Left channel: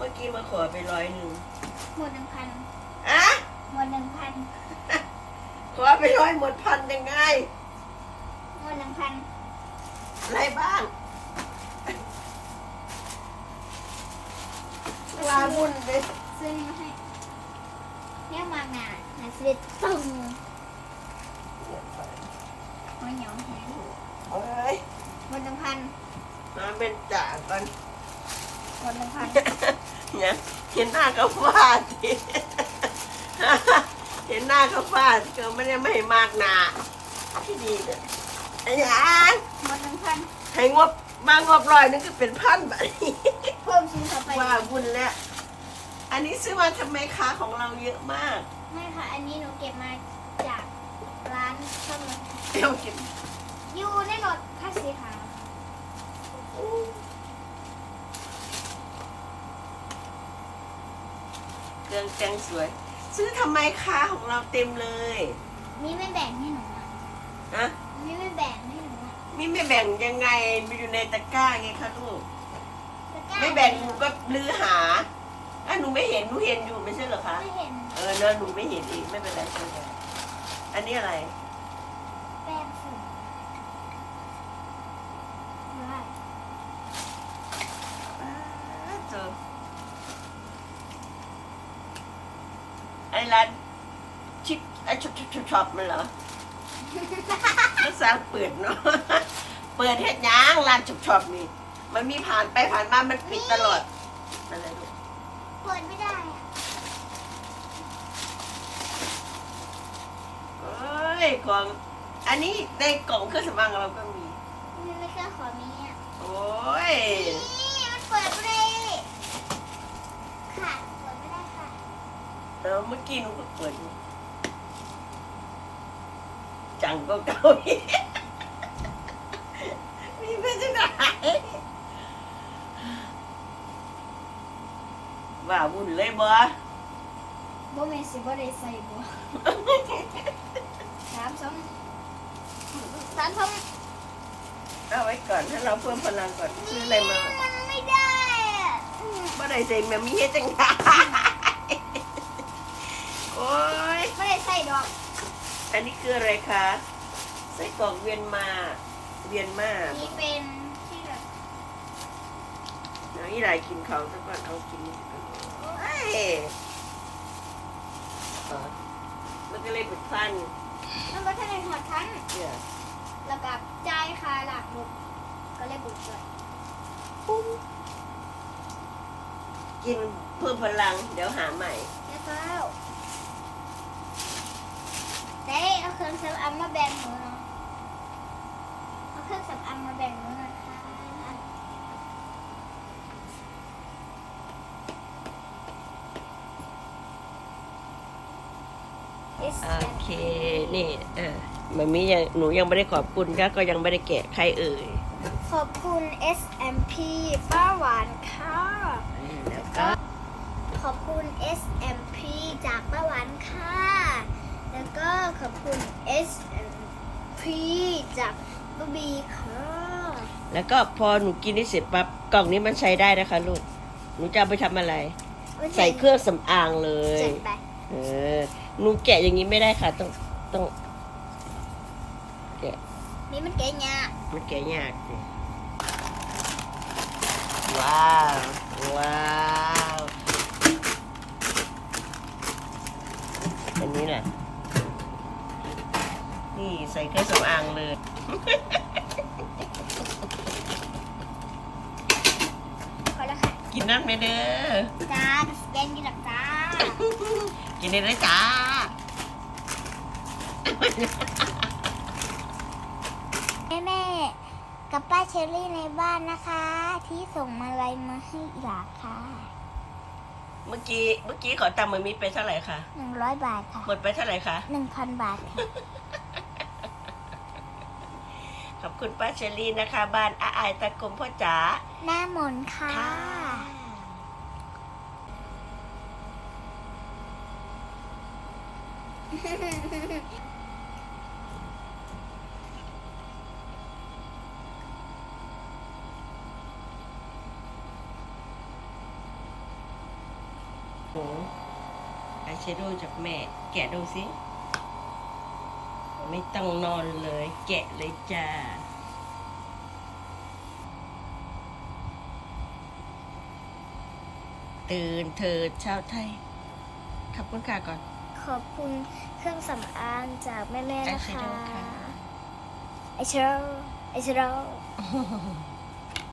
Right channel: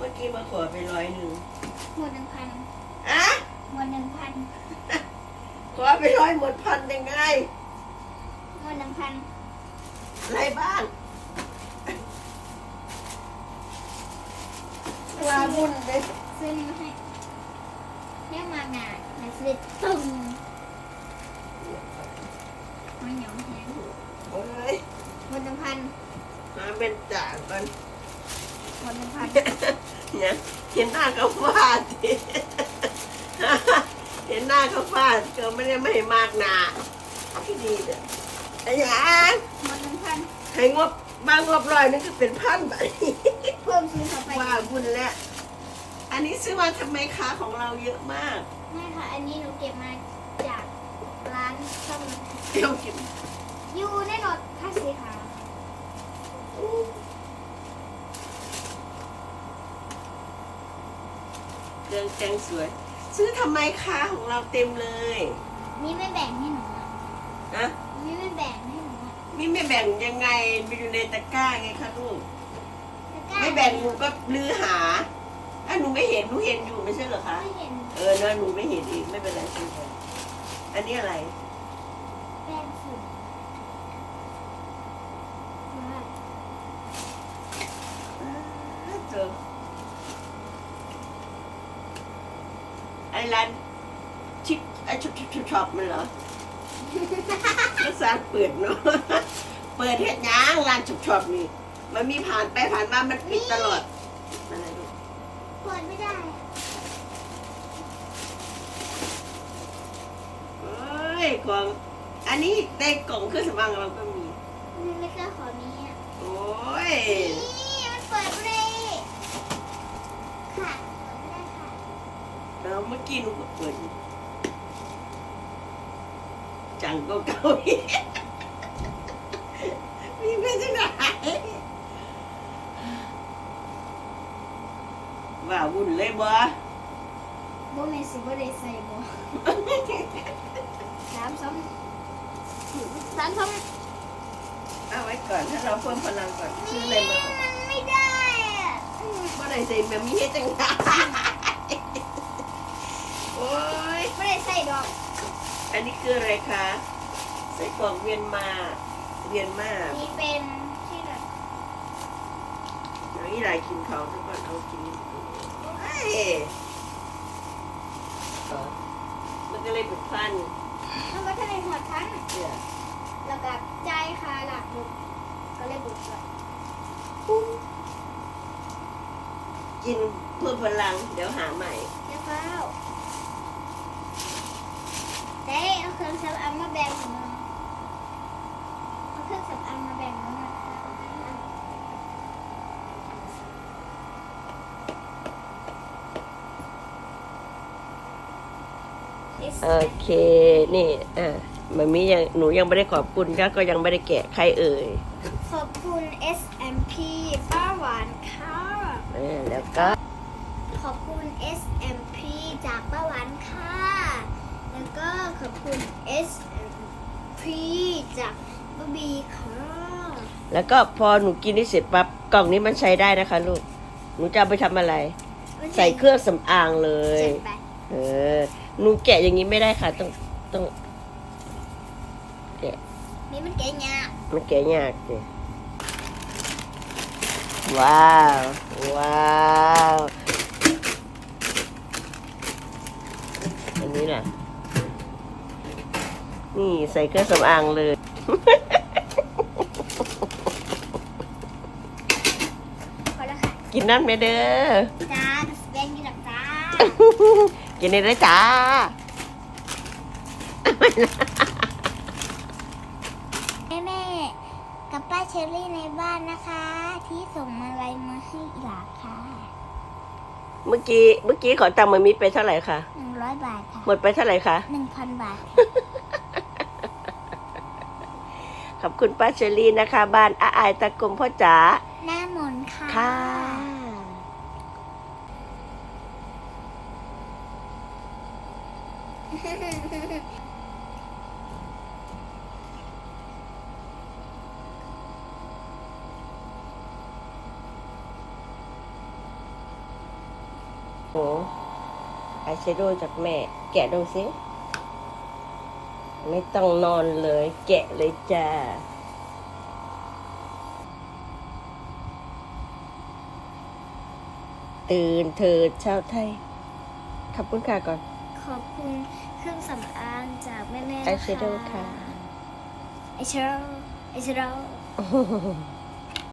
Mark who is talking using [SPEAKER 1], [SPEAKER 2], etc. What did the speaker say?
[SPEAKER 1] มื่อกี้มาขอไปร้อยหนึ่ง
[SPEAKER 2] หมดหนึ่งพัน
[SPEAKER 1] อะ
[SPEAKER 2] หมดหนึ่งพัน
[SPEAKER 1] ขอไปร้อยหมดพันยังไง
[SPEAKER 2] หมดหนึ่งพัน
[SPEAKER 1] อะไรบ้างลาบุญเลย
[SPEAKER 2] ซื้อนี่มาให้เนี่ยมางานนะซื้อตึงหัวเหนียวแห้ง
[SPEAKER 1] เอ้ย
[SPEAKER 2] หมดหนึ่งพัน
[SPEAKER 1] มาเป็นจ่าก่อน
[SPEAKER 2] หมดหนึ่งพัน
[SPEAKER 1] เนี่ยเห็นหน้าก็ฟาดสิเห็นหน้าก็ฟาดก็ไม่ได้ไม่ให้มากหนาที่ดีเนี่ยไอ้หยัง
[SPEAKER 2] หมดหนึ่งพัน
[SPEAKER 1] ให้งบบางงบร้อยนึงก็เป็นพันแบบนี้
[SPEAKER 2] เพิ่มซื้อเข้าไป
[SPEAKER 1] ว่าบุญแล้ว อันนี้ซื้อมาทำไมค้าของเราเยอะมาก
[SPEAKER 2] ไม่ค่ะ อันนี้หนูเก็บมาจากร้านซ่อมรถ
[SPEAKER 1] เดี๋ยวกิน
[SPEAKER 2] อยู่ในรถคันสีขาว
[SPEAKER 1] เครื่องแกงสวย ซื้อทำไมค้าของเราเต็มเลย
[SPEAKER 2] มีไม่แบ่งให้หนูอะ
[SPEAKER 1] อะ
[SPEAKER 2] มีไม่แบ่งให้หนูอะ
[SPEAKER 1] มีไม่แบ่งยังไงมีอยู่ในตะกร้าไงคะลูก
[SPEAKER 2] ล้วก็
[SPEAKER 1] ไม่แบ่งหนูก็ลือหาอะหนูไม่เห็นหนูเห็นอยู่ไม่ใช่เหรอคะ
[SPEAKER 2] ไม่เห็น
[SPEAKER 1] เออเนอะหนูไม่เห็นอีกไม่เป็นไรซื้อไปอันนี้อะไร
[SPEAKER 2] แป้งฝุ่นว้าว
[SPEAKER 1] อ่าเจอไอ้ ร้านชิปไอ้ช็อปช็อปช็อปช็อปมันเหรอก็สร้างเปิดเนาะเปิดเฮ็ดหยังร้านช็อปช็อปนี่ มันมีผ่านไปผ่านมา มันปิดตลอดอะไรลูก
[SPEAKER 2] เปิดไม่ได้อะ
[SPEAKER 1] เอ้ยกล่องอันนี้ในกล่องเครื่องสำอางเราก็มี
[SPEAKER 2] นี่ไม่กล้าขอมีอะ
[SPEAKER 1] โอ้ย
[SPEAKER 2] นี่มันเปิดไม่ได้ค่ะ เปิดไม่ได้ค่ะ
[SPEAKER 1] แล้วเมื่อกี้หนูก็เปิดจังก็เก่าอีกมีไปที่ไหนว่าวุ่นเลยบ่
[SPEAKER 2] บ่แม่นสิบ่ได้ใส่บ่สามสองสามสอง
[SPEAKER 1] เอาไว้ก่อนถ้าเราเพิ่มพลังก่อนซื้ออะไรมา
[SPEAKER 2] มันไม่ได้อะอืม
[SPEAKER 1] บ่ได้ใส่มามีเฮ็ดจังไงโอ้ย
[SPEAKER 2] ไม่ได้ใส่ดอก
[SPEAKER 1] อันนี้คืออะไรคะไส้กรอกเวียนมาเวียนมา
[SPEAKER 2] นี่เป็นที่แบบ
[SPEAKER 1] เดี๋ยวอีหลายกินเขาซะก่อนเอากินเอ้ยอ๋อมันก็เลยเป็นฟัน
[SPEAKER 2] มันก็จะในหัวทัน
[SPEAKER 1] เนี่ย
[SPEAKER 2] แล้วก็ใจายคาหลักบุกก็เลยบุกก่อน
[SPEAKER 1] กินเพื่อพลังเดี๋ยวหาใหม่
[SPEAKER 2] แล้วก็เด้เอาเค รื่องสำอางมาแบ่งหนูหน่อยเอาเครื่องสำอางมาแบ่งหนูหน่อยค่ะ
[SPEAKER 1] โอเค นี่ อ่ามันมียัง หนูยังไม่ได้ขอบคุณค่ะ ก็ยังไม่ได้แกะใครเอ่ย
[SPEAKER 2] ขอบคุณ SMP ป้าหวานค่ะ
[SPEAKER 1] เออแล้วก็
[SPEAKER 2] ขอบคุณ SMP จากป้าหวานค่ะ แล้วก็ขอบคุณ SMP จากป้าบีค่ะ
[SPEAKER 1] แล้วก็พอหนูกินนี่เสร็จปั๊บกล่องนี้มันใช้ได้นะคะลูก หนูจะเอาไปทำอะไร ใส่เครื่องสำอางเลย
[SPEAKER 2] เจ็ดแปด
[SPEAKER 1] เออ หนูแกะอย่างนี้ไม่ได้ค่ะ ต้องต้องแกะ
[SPEAKER 2] นี่มันเก๋ยาก
[SPEAKER 1] มันแกะยากสิว้าว ว้าว อันนี้น่ะ นี่ใส่เครื่องสำอางเลย
[SPEAKER 2] พอแล้วค่ะ
[SPEAKER 1] กินนั่นไหมเด้อ
[SPEAKER 2] จ้าสแกนกินหลักจ้า
[SPEAKER 1] กินได้เลยจ้า
[SPEAKER 2] แม่แม่กับป้าเชอรี่ในบ้านนะคะ ที่ส่งมาลัยมาให้อีหลาค่ะ
[SPEAKER 1] เมื่อกี้เมื่อกี้ขอตังค์มันมีไปเท่าไหร่คะ
[SPEAKER 2] หนึ่งร้อยบาทค่ะ
[SPEAKER 1] หมดไปเท่าไหร่คะ
[SPEAKER 2] หนึ่งพันบาทค่ะ
[SPEAKER 1] ขอบคุณป้าเชอรี่นะคะ บ้านอาอายตะกงพ่อจ๋า
[SPEAKER 2] หน้ามนต์ค่ะ
[SPEAKER 1] ค่ะโหอายแชโดว์จากแม่ แกะดูสิ ไม่ต้องนอนเลย แกะเลยจ้าตื่นเถิดชาวไทย ขอบคุณค่ะก่อน
[SPEAKER 2] ขอบคุณเครื่องสำอางจากแม่ๆนะ
[SPEAKER 1] Eyeshadow
[SPEAKER 2] คะ
[SPEAKER 1] ค่ะ
[SPEAKER 2] ไอเชโรไอเชโร